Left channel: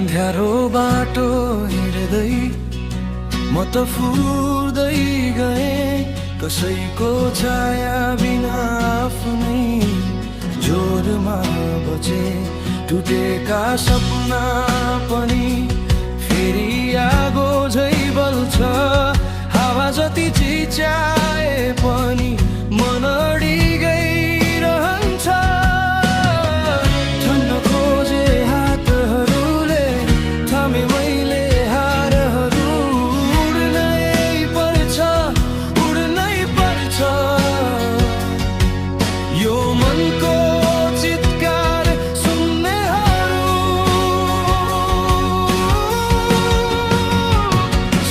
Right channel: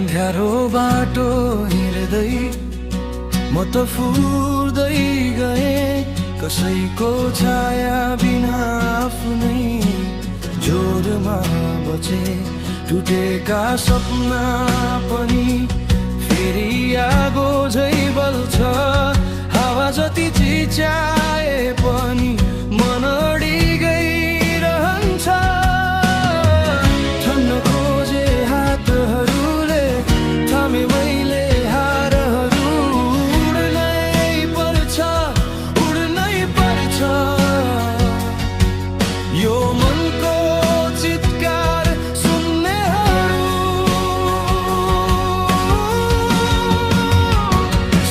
अँध्यारो बाटो हिँड्दै म त फुर्दै गए, कसैको छाया बिना आफ्नै जोरमा बचे। टुटेका सपना पनि फेरि आगो झै बल्छ, हावा जति चिच्याए पनि मन अडिगै रहन्छ। ठन्न खोजे हातहरूले थामे मैले हारहरू, उड्नै पर्छ यो मनको चित्कार सुन्नेहरू।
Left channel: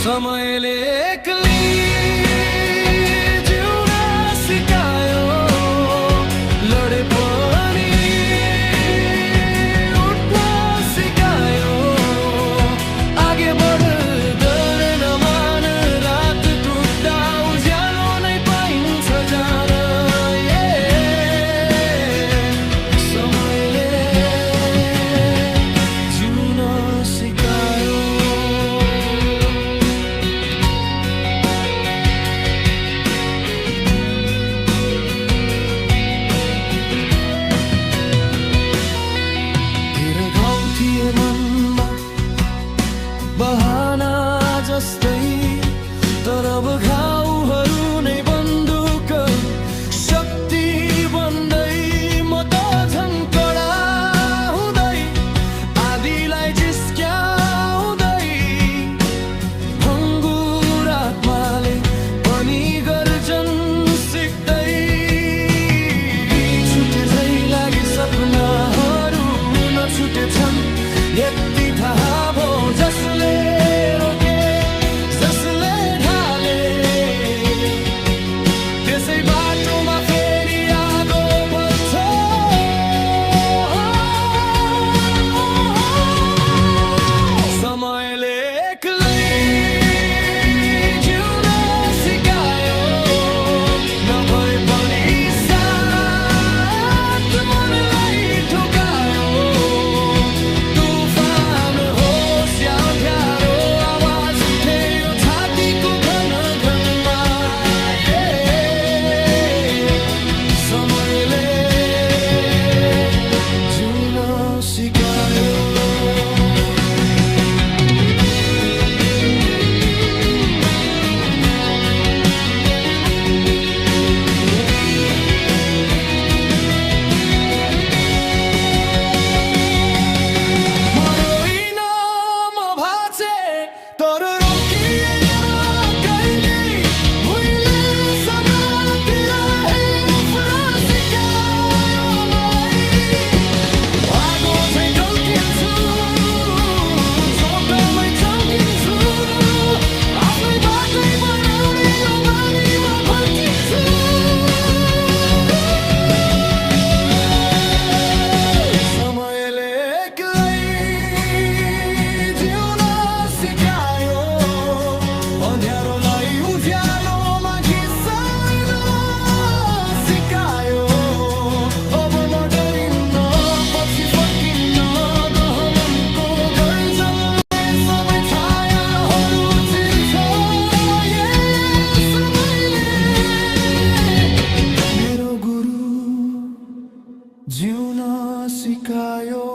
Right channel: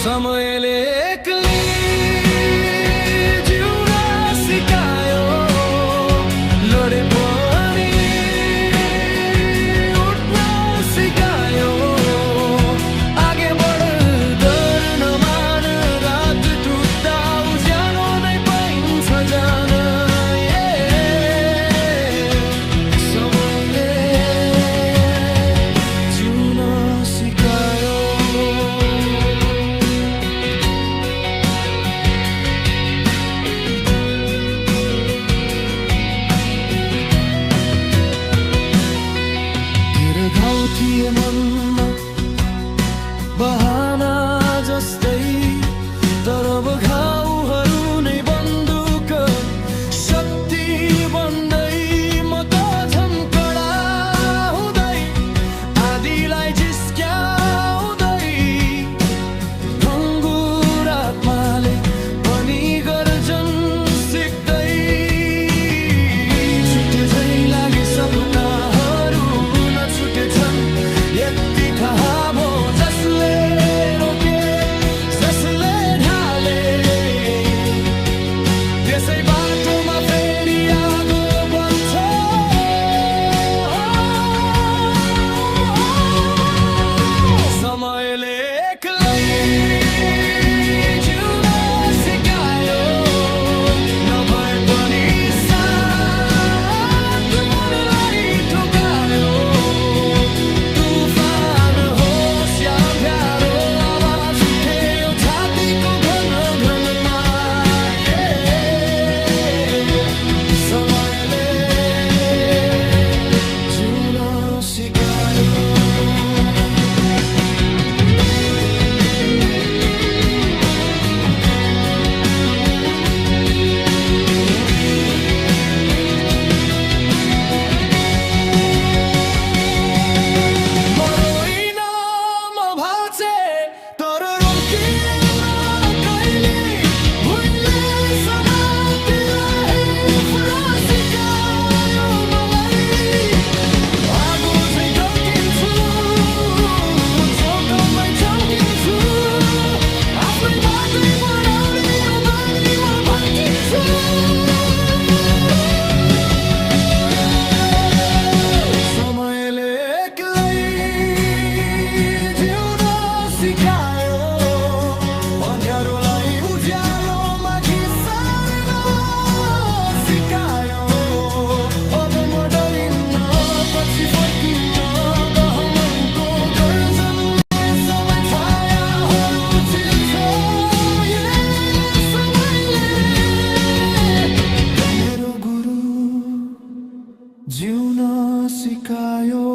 समयले एक्लै जिउन सिकायो, लडे पनि उठ्न सिकायो। आगे बढ डर नमान, रात टुट्दा उज्यालो नै पाइन्छ जान। समयले जिउन सिकायो। घाउ थिए मनमा बहाना जस्तै, तर अब घाउहरू नै बन्दुक शक्ति बन्दै। म त झन् कडा हुँदै, आदिलाई जिस्क्याउँदै, भङ्गुर आत्माले पनि गर्जन सिक्दै। छुटे झै लागे सपनाहरू छुटेछन् यति थाहा भो, जसले रोके जसले ढाले त्यसै बाटोमा फेरि आगो बल्छ। समयले एक्लै जिउन सिकायो, नभए पनि समयले जिउन सिकायो। म रोइन म भाँचे तर रोकिएन कहिले, भुइँले समातेर उफ्न सिकायो मलाई। आगो झै टल्किन्छु, चोटमै चम्किन्छु, आफ्नै बाटै बनाउने यो बानीमा फर्किन्छु। समयले एक्लै जिउन सिकायो, अँध्यारोलाई उज्यालोमा घिसार्न सिकायो। अब म डरिन्न, पछि फर्किन्न, दहमनको गर्जनले सबै छायाहरू चिर्छ। समयले मेरो गुरु जिउन सिकायो।